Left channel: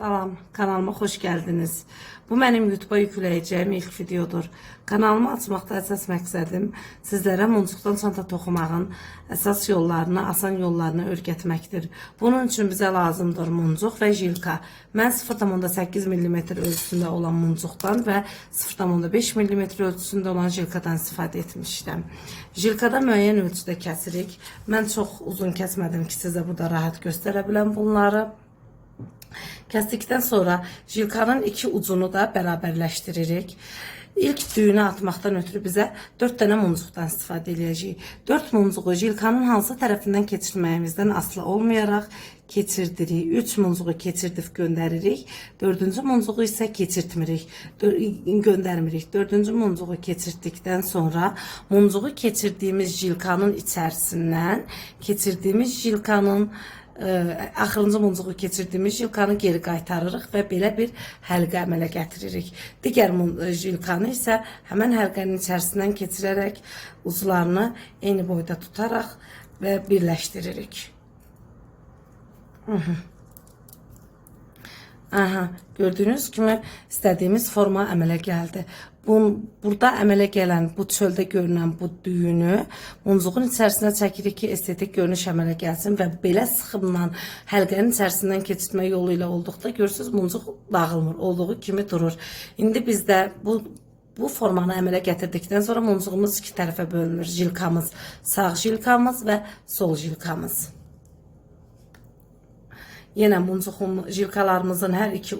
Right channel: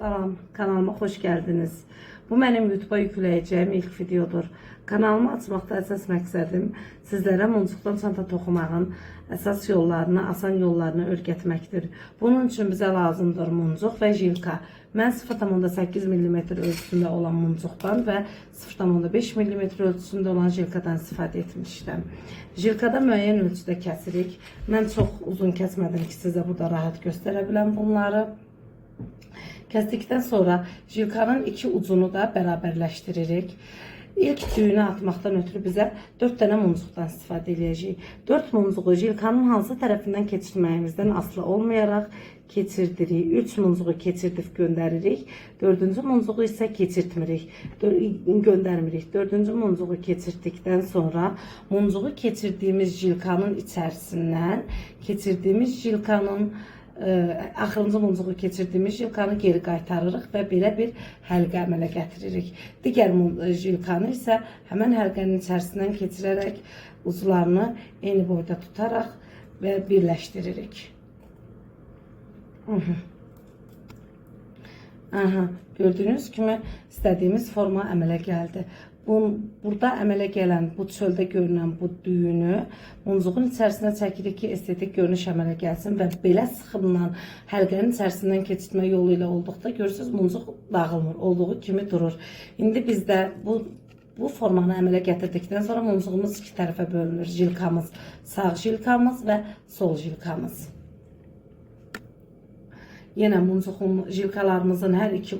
Salam, kanalıma xoş gəldiniz. Bu mənim YouTube'a yükləyəcəyim ilk videodur. Kanalımı açmaqda əsas məqsədim sizlərə muncuqdan çanta toxumağın əsas yollarını, asan yollarını öyrətməkdir. Bunun üçün bizə lazımdır muncuq və jilka. Mən 0,8 mm ölçüsündə olan muncuqdan və 0,5 mm ölçüsündə olan jilkadan istifadə etmişəm. Jilkada müəyyən ölçüdə kəsirik. Mən çox uzun kəsmədim ki, sizə burada rahat göstərə biləm bunları. Kəsdikdən sonra jilkanın iki ucunu da bərabərləşdiririk. İlk düyünü atmaqdan ötürü bizə 4 dənə muncuqdan istifadə edəcəyik. 4 muncuğu jilkanın hansı tərəfindən keçirməyimizdən asılı olmayaraq keçirdirik. 3 muncuğu keçirdib göndəririk. 4-cü muncuğu isə keçirtmirik, göndərmirik. 4-cü muncuğu keçirdikdən sonra muncuğu keçirdiyimiz jilkanın içərisindən axırıncı muncuğu keçirdiyimiz jilkanı geri qaytarırıq və belə bir həlqə əmələ gətiririk. Digər jilkanı isə həmən həlqənin içərisindən keçirərək uclarını eyni boyda tutaraq və birləşdiririk. Gördüyünüz kimi istədiyimiz forma əmələ gəldi. Burada əmələ gələn, bu çöldə görünən bu düyünü muncuğun içərisinə çəkirik ki, estetik görünüş əmələ gəlsin və belə sıxımla həlqənin içərisindən keçirtmə yolu ilə olduqda görürsünüz, muncuq dağılmır, olduğu kimi durur. İndi bizdə bu formanı əmələ gətirdikdən sonra muncuğumuz iki tərəfə bölünür. Jilkamız, sağ jilkamız və sol jilkamız. Yenə jilkalarımızın hər iki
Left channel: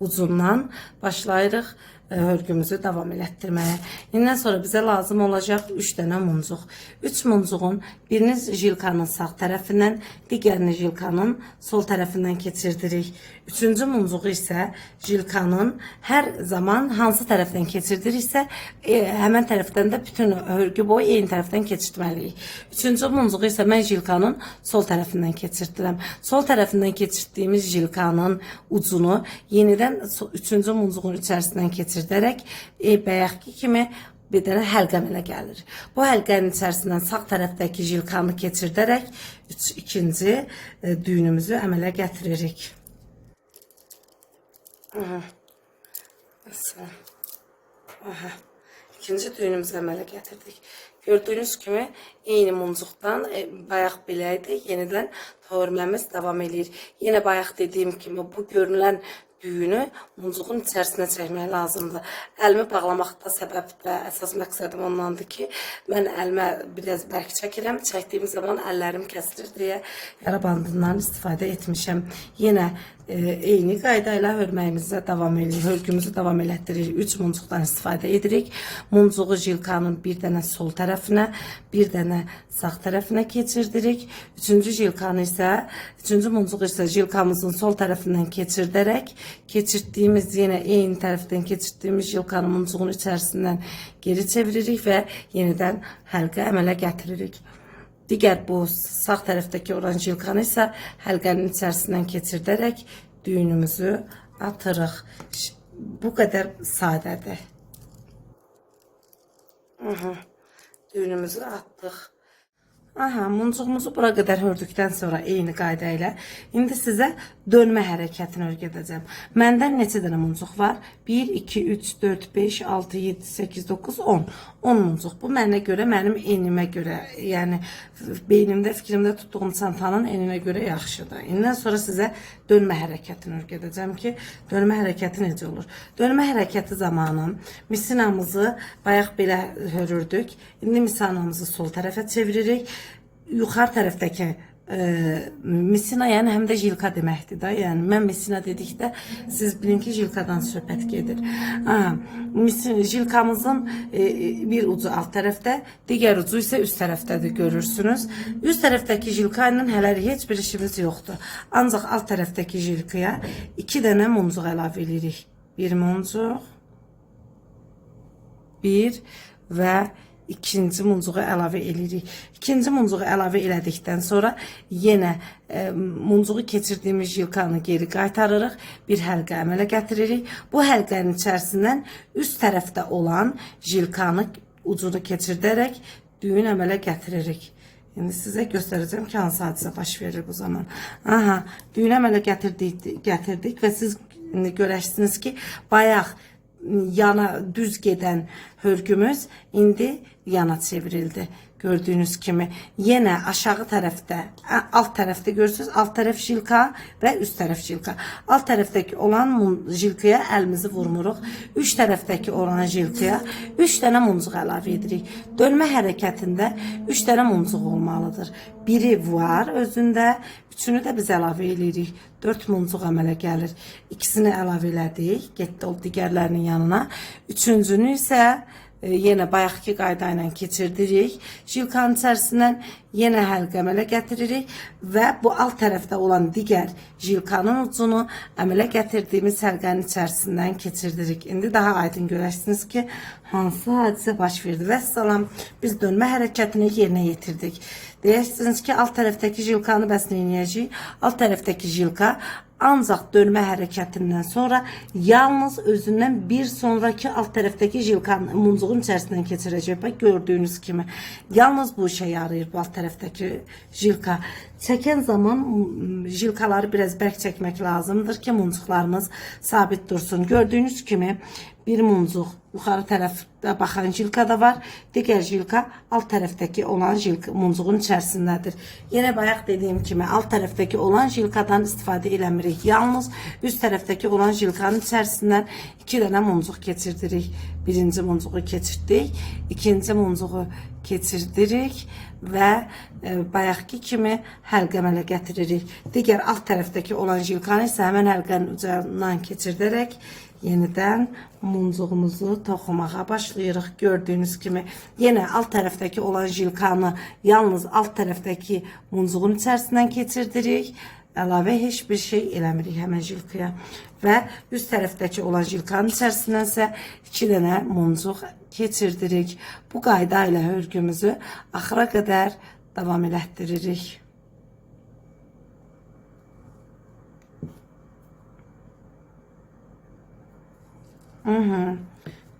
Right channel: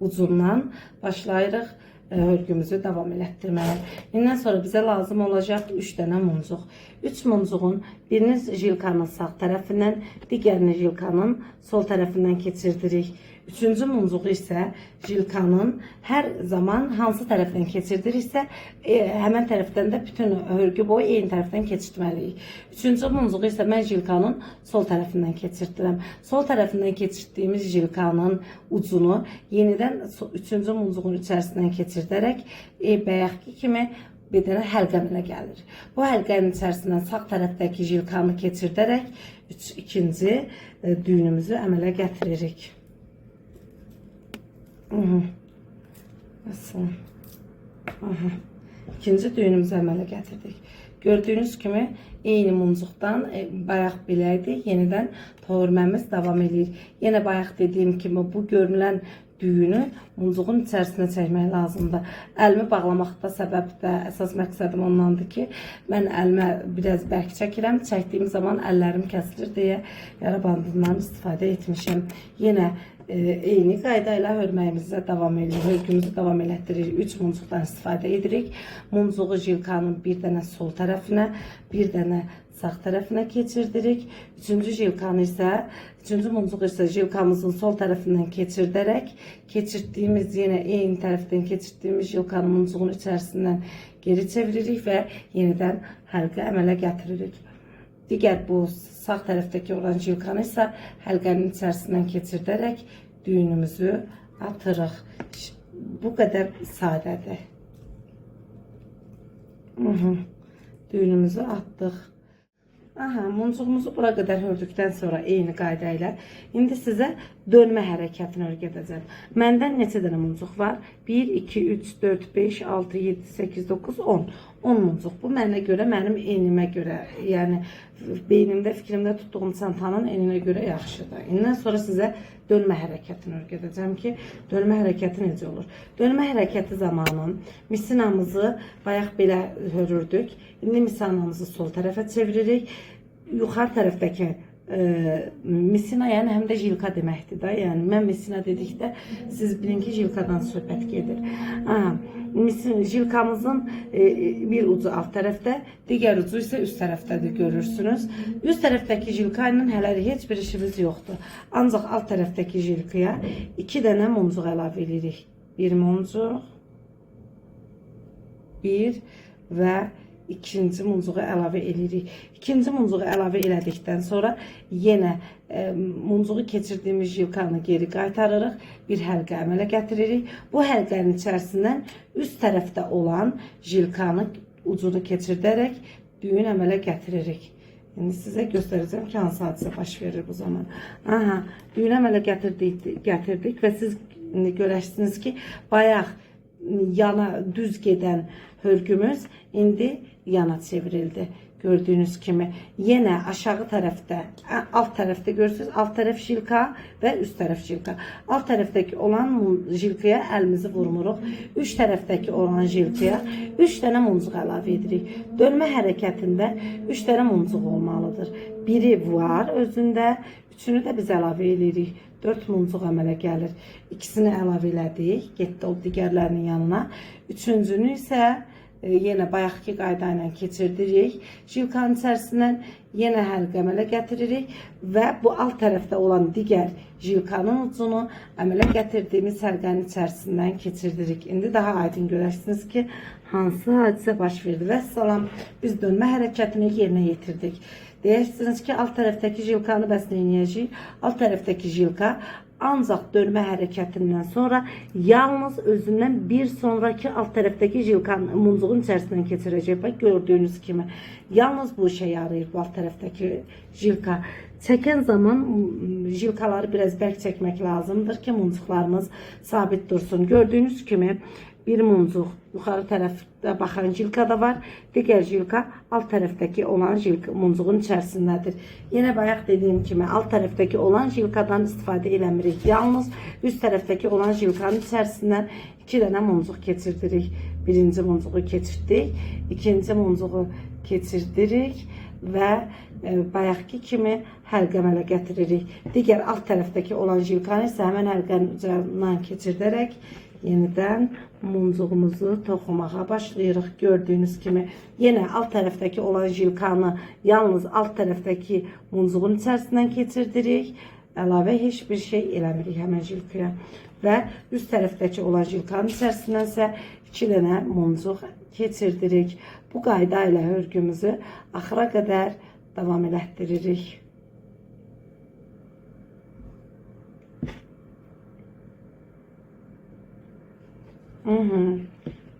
ucundan başlayırıq örgümüzü davam elətdirməyə. İndən sonra bizə lazım olacaq 3 dənə muncuq. 3 muncuğun birini jilkanın sağ tərəfindən, digərini jilkanın sol tərəfindən keçirdirik. 3-cü muncuğu isə jilkanın hər zaman hansı tərəfdən keçirdiriksə, həmən tərəfdən də bütün örgü boyu eyni tərəfdən keçirtməliyik. 3-cü muncuğu isə mən jilkanın sol tərəfindən keçirtdirəm. Sol tərəfindən keçirtdiyimiz jilkanın ucunu yenidən 3-cü muncuğun içərisindən keçirdərək bayaqki kimi bir dənə həlqə əmələ gəlir. Bu həlqənin içərisindən sağ tərəfdəki jilkanı keçirdərək ikinci düyünümüzü əmələ gətiririk. İkinci düyünümüzü əmələ gətirdik. Gördüyünüz kimi eyni muncuqdan bayaq belə idi, yenidən örməmiz davam edir. Yenə bayaq dediyim kimi bu görünən düyünü muncuğun içərisinə çəkmək lazımdır. Əlimi bağlamaqda səbəb və əsas məqsədim ondandır ki, mən əlimə biraz bərk çəkirəm, çəkdiyim zaman əllərim kəsilir deyə yara bandından istifadə etmişəm. Yenə eyni qayda ilə hörməyimizə davam edirik, hörgümüzü davam elətdiririk. 3 muncuqdan istifadə edirik. Muncuğu jilkanın bir dənə sol tərəfinə, bir dənə sağ tərəfinə keçirdirik. 3-cü muncuğu isə jilkamızın sol tərəfindən keçirdərək, keçirdiyimiz yenə eyni tərəfdən keçirdiyimiz jilkanın muncuğun içərisindən geri çeviririk və yenidən həlqə əmələ gətiririk. Digər bu sağ tərəfdəki olan jilkanı isə həlqənin içərisindən keçirdərək düyünümüzü atırıq. Bu qədər sadədir. Düyünümüzü atdıq. Muncuğumuzu bura qədər hördükdən sonra eyni qayda ilə indi sizə dönmə hərəkətini öyrədəcəm. Məndə neçə dənə muncuq var? 1, 2, 3, 4, 5, 6, 7, 8, 9, 10. 10 muncuq. Bu mənə görə, mənim enimə görə, yəni beynimdə, fikrimdə tutduğum çantanın eninə görə yaxşıdır. İndən sonra sizə dönmə hərəkətini öyrədəcəm ki, dönmə hərəkəti necə olur? Dönmə hərəkəti zamanı misinamızı bayaq belə hörürdük. İndi misinamızı sol tərəfə çeviririk. Yuxarı tərəfdəki misina, yəni həm də jilka deməkdir da. Yəni mən misina dedikdə siz bilin ki, jilkadan söhbət gedir. Jilkamızın bir ucu alt tərəfdə, digər ucu isə üst tərəfdədir, görürsünüz. Üst tərəfdəki jilka ilə hələlik heç bir işimiz yoxdur. Ancaq alt tərəfdəki jilkaya 2 dənə muncuq əlavə edirik. Bir muncuq, bir və ikinci muncuğu əlavə edirik. İkinci muncuğu əlavə elədikdən sonra yenə muncuğu keçirdiyimiz jilkanı geri qaytarırıq. Bir həlqə əmələ gətiririk. Bu həlqənin içərisindən üst tərəfdə olan jilkanı ucunu keçirdərək düyün əmələ gətiririk. İndi sizə göstərəcəm ki, hansı hadisə baş verir bu zaman. Aha, düyünə əmələ gətirdik və siz indi görərsiniz ki, bayaq yana düz gedən hörgümüz indi yana çevrildi. Gördüğünüz kimi yine aşağı tərəfdə, alt tərəfdə görürsünüz, alt tərəf jilka və üst tərəf jilka. Alt tərəfdəki olan jilkaya əlimizi vurmuruq. Üst tərəfdəki olan jilkaya 3 dənə muncuq əlavə edirik. Dönmə hərəkətində 3 dənə muncuq olmalıdır. Biri var özündə, üçünü də biz əlavə edirik. 4 muncuq əmələ gəlir. İkisini əlavə elədik, getdi o digərlərinin yanına. Üçüncünü isə yenə bayaqki qayda ilə keçirdirik. Jilkanın içərisindən yenə həlqə əmələ gətiririk və bu alt tərəfdə olan digər jilkanın ucunu əmələ gətirdiyimiz həlqənin içərisindən keçirdirik. İndi daha aydın görərsiniz ki, hansı hadisə baş verdi. Və salam, biz dönmə hərəkətini yerinə yetirdik. Deyirsiniz ki, alt tərəfdəki jilkanı bəs nə edəcəyik? Alt tərəfdəki jilka ancaq dönmə hərəkətindən sonra yalnız özündən bir sonraki alt tərəfdəki jilkanın muncuğun içərisindən keçirəcək. Bax, gördüyünüz kimi yalnız bu işə yarayır bu alt tərəfdəki jilka. Çəkən zaman jilkaları biraz bərk çəkmək lazımdır ki, muncuqlarımız sabit dursun. Gördüyünüz kimi bir muncuq yuxarı tərəfdə baxan jilka da var. Digər jilka alt tərəfdəki olan muncuğun içərisindədir. Yenə bayaq dediyim kimi alt tərəfdəki olan jilkadan istifadə eləmirik. Yalnız üst tərəfdəki olan jilkanın içərisindən 2 dənə muncuq keçirdirik. Birinci muncuğu keçirdik, ikinci muncuğu keçirdirik və bayaqki kimi həlqə əmələ gətiririk. Digər alt tərəfdəki olan jilkanı isə həmən həlqənin ucundan keçirdərək yenidən muncuğumuzu toxumağa başlayırıq. Gördüyünüz kimi yenə alt tərəfdəki olan jilkanı yalnız alt tərəfdəki muncuğun içərisindən keçirdirik. Əlavə heç bir şey eləmirik həmən jilkaya. Və üst tərəfdəki olan jilkanın içərisindən isə 2 dənə muncuq keçirdirik. Bu qayda ilə hörgümüzü axıra qədər davam elətdiririk.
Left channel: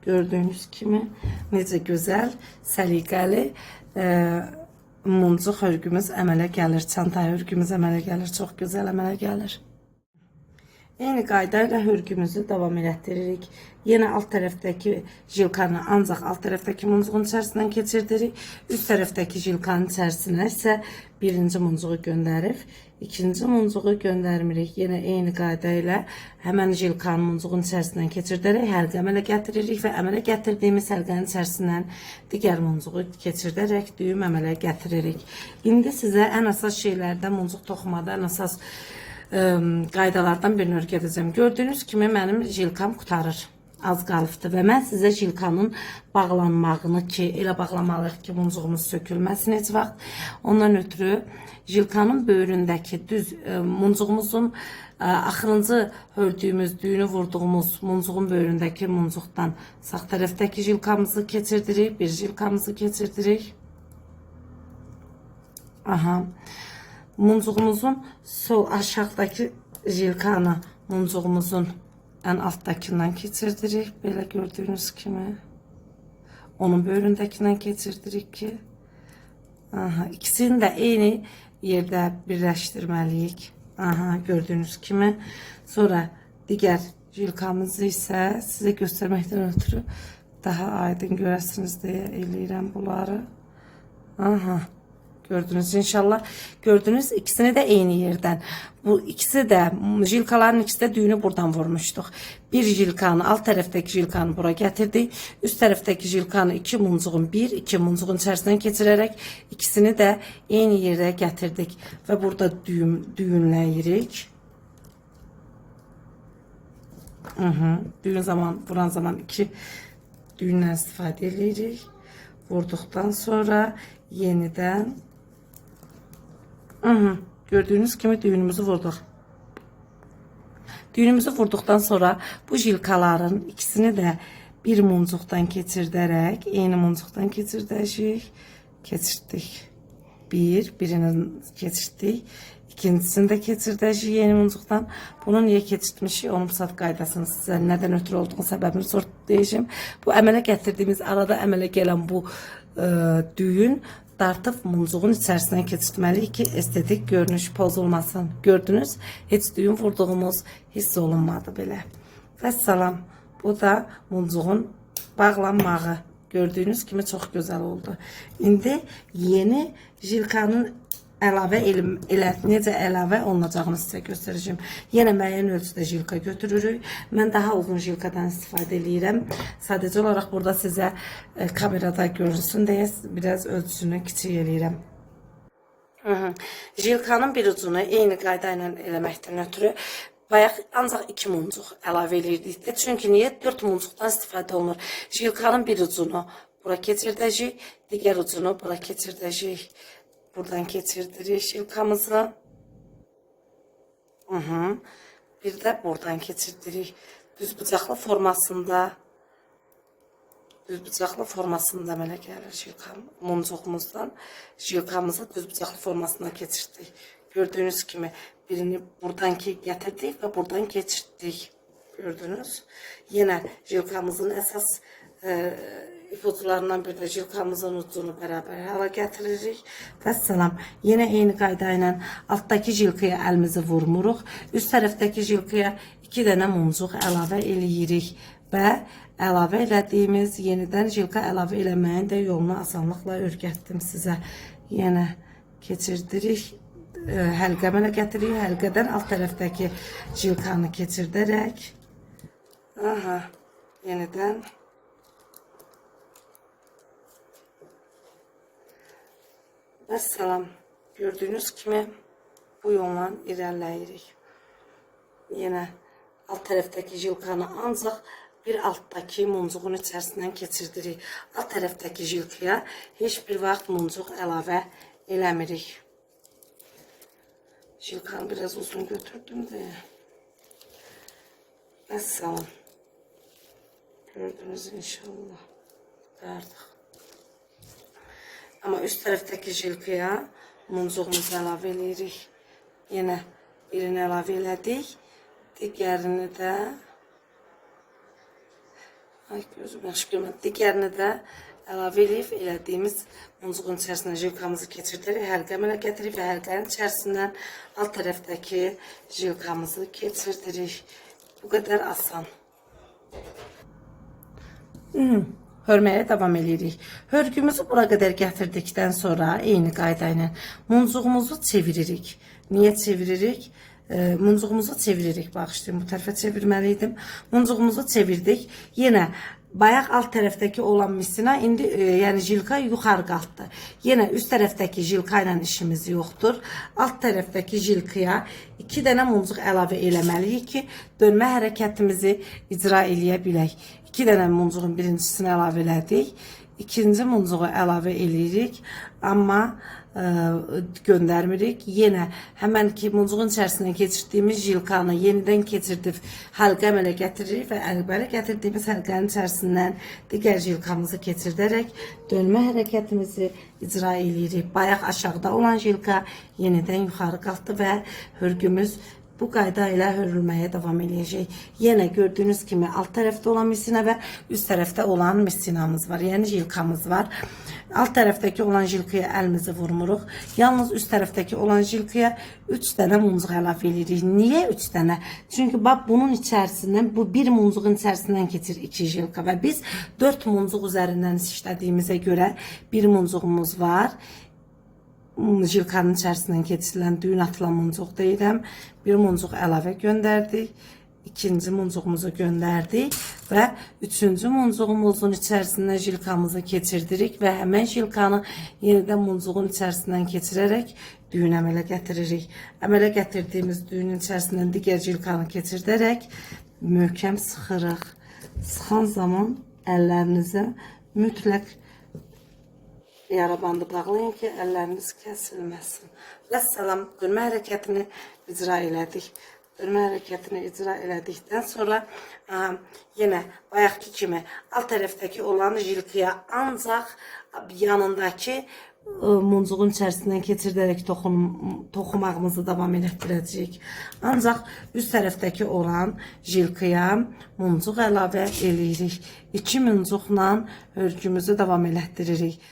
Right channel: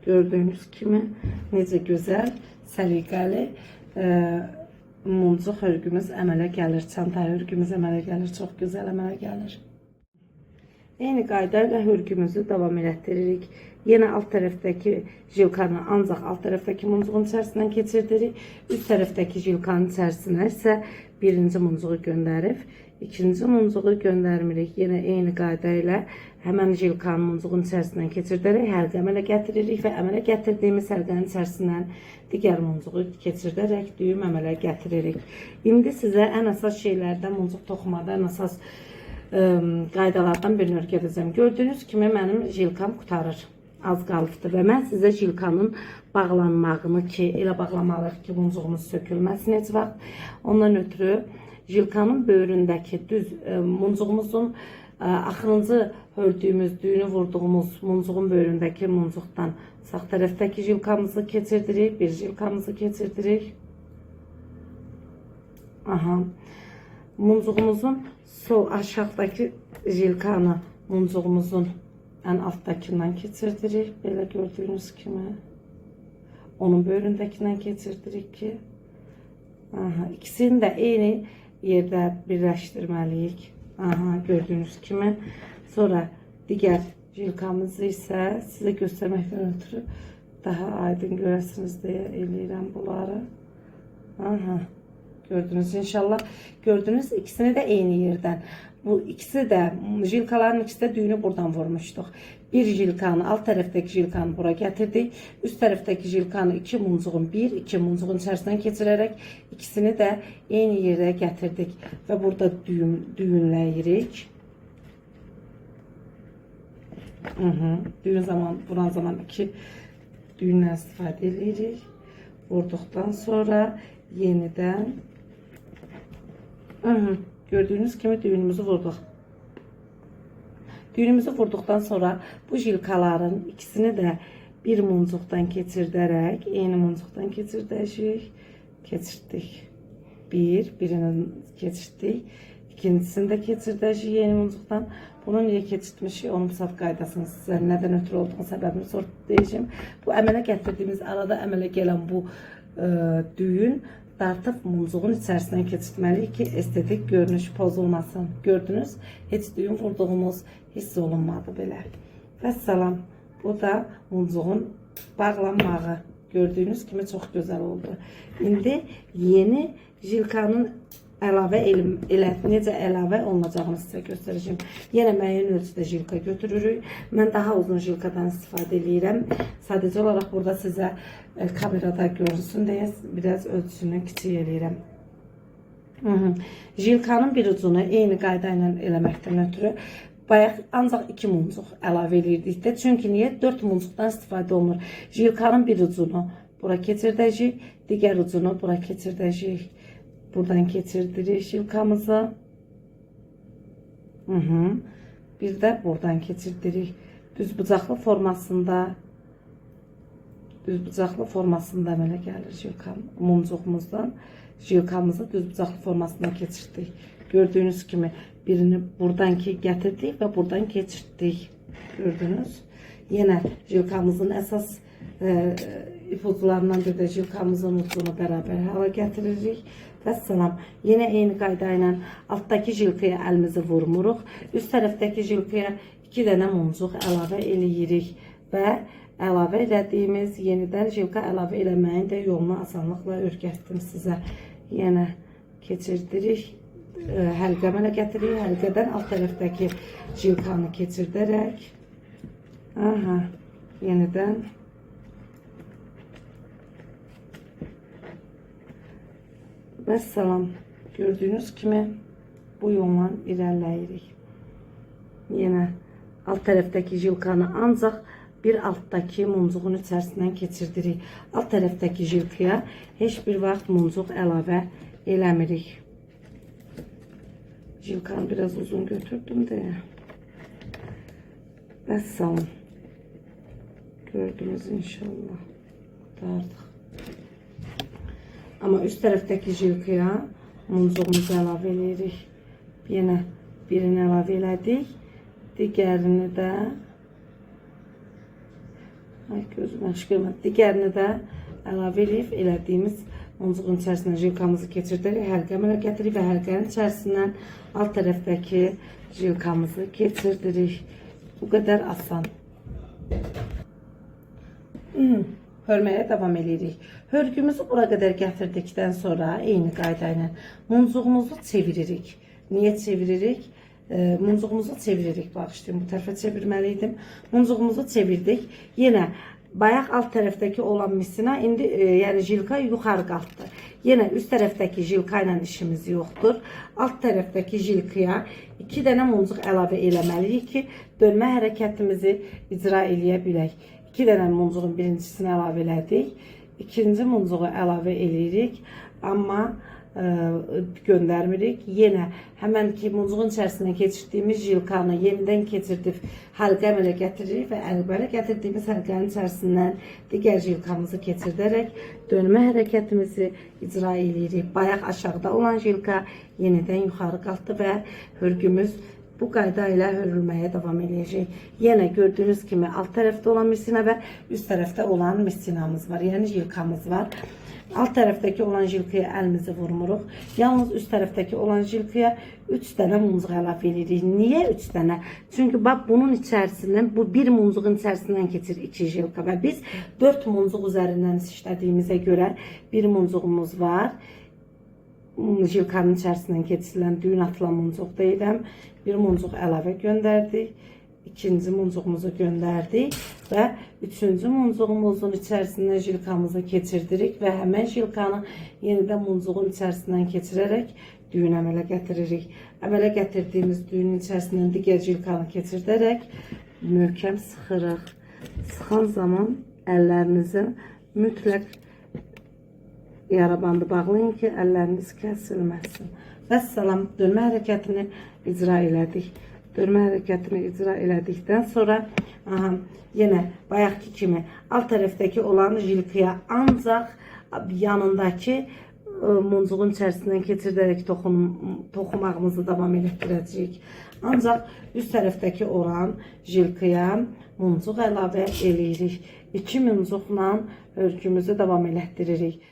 Gördüğünüz kimi necə gözəl, səliqəli muncuq hörgümüz əmələ gəlir. Çanta hörgümüz əmələ gəlir. Çox gözəl əmələ gəlir. Eyni qayda ilə hörgümüzü davam elətdiririk. Yenə alt tərəfdəki jilkanı ancaq alt tərəfdəki muncuğun içərisindən keçirdirik. Üst tərəfdəki jilkanın içərisinə isə birinci muncuğu göndərib, ikinci muncuğu göndərmirik. Yenə eyni qayda ilə həmən jilkanın muncuğun içərisindən keçirdərək həlqə əmələ gətiririk və əmələ gətirdiyimiz həlqənin içərisindən digər muncuğu keçirdərək düyüm əmələ gətiririk. İndi sizə ən əsas şeylərdən, muncuq toxumada ən əsas qaydalardan birini öyrədəcəm. Gördüyünüz kimi mənim jilkam qutarır. Az qalıbdır və mən sizə jilkanın bağlanmağını ki, elə bağlamalıyıq ki, muncuğumuz sökülməsin heç vaxt. Ondan ötürü jilkanın böyründəki düz muncuğumuzun axırıncı hördüyümüz, düyünü vurduğumuz muncuğun böyründəki muncuqdan sağ tərəfdəki jilkamızı keçirdirik, bir jilkamızı keçirdirik. Aha. Muncuğumuzun sol aşağıdaki jilkanı muncuğumuzun ən altdakindən keçirdirik. Belə gördüyünüz kimi. Onun böyründəkindən keçirdirik ki. Aha, ikisini də eyni yerdə birləşdirməliyik. Aha, gördüyünüz kimi. Sonra digər jilkamızı isə sizə göstərməkdən ötürü daha aydın görəsiniz deyə eləyirəm bunları. Aha. Gördünüz inşallah. Gördünüz ikisini de eyni yerden. Bu ikisi de jilkaların ikisi de düğünü buradan vurmuştuk. Bir jilkanı alt taraftaki jilkanı buraya getirdik. Üst taraftaki jilkanı iki muncuğun içerisinden geçirerek ikisini de eyni yere getirdik. Ve burada düğünləyirik. Düğün zaman, vuran zaman iki düğünden istifade edirik. Vurduktan sonra yeniden gördüğünüz gibi düğünümüzü vurduk. Düğünümüzü vurduktan sonra bu jilkaların ikisini de bir muncuqdan keçirdərək, eyni muncuqdan keçirdik. Birini keçirdik. İkincisini de keçirdək yeni muncuqdan. Bunu niye keçirtmişik? Onun saat qaydasını sizə nədən ötürü olduğunu səbəbini sonra deyəcəm. Bu əmələ gətirdiyimiz, arada əmələ gələn bu düyün dartıb muncuğun içərisindən keçirtməliyik ki, estetik görünüş pozulmasın. Gördünüz, heç düyün vurduğumuz hiss olunmadı belə. Vəssalam, bu da muncuğun bağlanmağı. Gördüğünüz kimi çox gözəl oldu. İndi yeni jilkanın necə əlavə olunacağını sizə göstərəcəm. Yenə müəyyən ölçüdə jilka götürürük. Mən daha uzun jilkadan istifadə edirəm. Sadəcə olaraq burada sizə kamerada görünsün deyə biraz ölçüsünü kiçik edirəm. Jilkanın bir ucunu eyni qayda ilə eləməkdən ötürü bayaq ancaq 2 muncuq əlavə edirdik də. Çünki niyə 4 muncuqdan istifadə olunur? Jilkanın bir ucunu bura keçirdəcəyik, digər ucunu bura keçirdəcəyik. Buradan keçirdirik jilkamızı. Bir də buradan keçirdirik. Düzbucaqlı formasında əmələ gəlir muncuğumuzdan. Jilkamızı düzbucaqlı formasına keçirdik. Gördüğünüz kimi birini buradan gətirdik və buradan keçirdik. Gördünüz. Yenə jilkamızın əsas ipuçlarından bir də jilkamızın ucunu bərabər hala gətiririk. Vəssalam. Yenə eyni qayda ilə altdakı jilkaya əlimizi vurmuruq. Üst tərəfdəki jilkaya 2 dənə muncuq əlavə eləyirik və əlavə elədiyimiz yenidən jilka əlavə eləməyin də yolunu asanlıqla öyrətdim sizə. Yenə keçirdirik. Həlqə əmələ gətiririk. Həlqədən alt tərəfdəki jilkanı keçirdərək. Yenidən vəssalam. Gördüyünüz kimi bu yolla irəliləyirik. Yenə alt tərəfdəki jilkanı ancaq bir altdakı muncuğun içərisindən keçirdirik. Alt tərəfdəki jilkaya heç bir vaxt muncuq əlavə eləmirik. Jilkanı biraz uzun götürdüm de. Vəssalam. Gördünüz inşallah. Dardık. Ama üst tərəfdəki jilkaya muncuğumuzu əlavə edirik. Yenə birini əlavə elədik. Digərini də gözüm yaxşı görmədi. Digərini də əlavə edib elədiyimiz muncuğun içərisinə jilkamızı keçirdərək həlqə əmələ gətiririk və həlqənin içərisindən alt tərəfdəki jilkamızı keçirdirik. Bu qədər asan. Hörməyə davam edirik. Hörgümüzü bura qədər gətirdikdən sonra eyni qayda ilə muncuğumuzu çeviririk. Niyə çeviririk? Muncuğumuzu çeviririk. Bağışlayın, bu tərəfə çevirməliydim. Muncuğumuzu çevirdik. Yenə bayaq alt tərəfdəki olan misina indi yəni jilka yuxarı qalxdı. Yenə üst tərəfdəki jilka ilə işimiz yoxdur. Alt tərəfdəki jilkaya 2 dənə muncuq əlavə eləməliyik ki, dönmə hərəkətimizi icra eləyə bilək. 2 dənə muncuğun birincisini əlavə elədik. İkinci muncuğu əlavə eləyirik. Amma göndərmirik. Yenə həmən ki muncuğun içərisindən keçirdiyimiz jilkanı yenidən keçirdib həlqə əmələ gətiririk və əmələ gətirdiyimiz həlqənin içərisindən digər jilkamızı keçirdərək dönmə hərəkətimizi icra eləyirik. Bayaq aşağıda olan jilka yenidən yuxarı qalxdı və hörgümüz bu qayda ilə hörülməyə davam edəcək. Yenə gördüyünüz kimi alt tərəfdə olan misina və üst tərəfdə olan misinamız var. Yəni jilkamız var. Alt tərəfdəki olan jilkaya əlimizi vurmuruq. Yalnız üst tərəfdəki olan jilkaya 3 dənə muncuq əlavə edirik. Niyə 3 dənə? Çünki bax bunun içərisindən, bu bir muncuğun içərisindən keçir 2 jilka və biz 4 muncuq üzərindən işlədiyimizə görə bir muncuğumuz var. Jilkanın içərisindən keçirilən düyün atılan muncuq deyiləm. Bir muncuq əlavə göndərdik. İkinci muncuğumuzu göndərdik və üçüncü muncuğumuzun içərisindən jilkamızı keçirdirik və həmən jilkanı yenidən muncuğun içərisindən keçirərək düyün əmələ gətiririk. Əmələ gətirdiyimiz düyünün içərisindən digər jilkanı keçirdərək möhkəm sıxırıq. Sıxan zaman əllərinizi mütləq yara bandı bağlayın ki, əlləriniz kəsilməsin. Vəssalam, dönmə hərəkətini icra elədik. Dönmə hərəkətini icra elədikdən sonra yenə bayaqki kimi alt tərəfdəki olan jilkaya ancaq yanındakı muncuğun içərisindən keçirdərək toxumağımızı davam etdirəcəyik. Ancaq üst tərəfdəki olan jilkaya muncuq əlavə eləyirik. 2 muncuqla hörgümüzü davam etdiririk.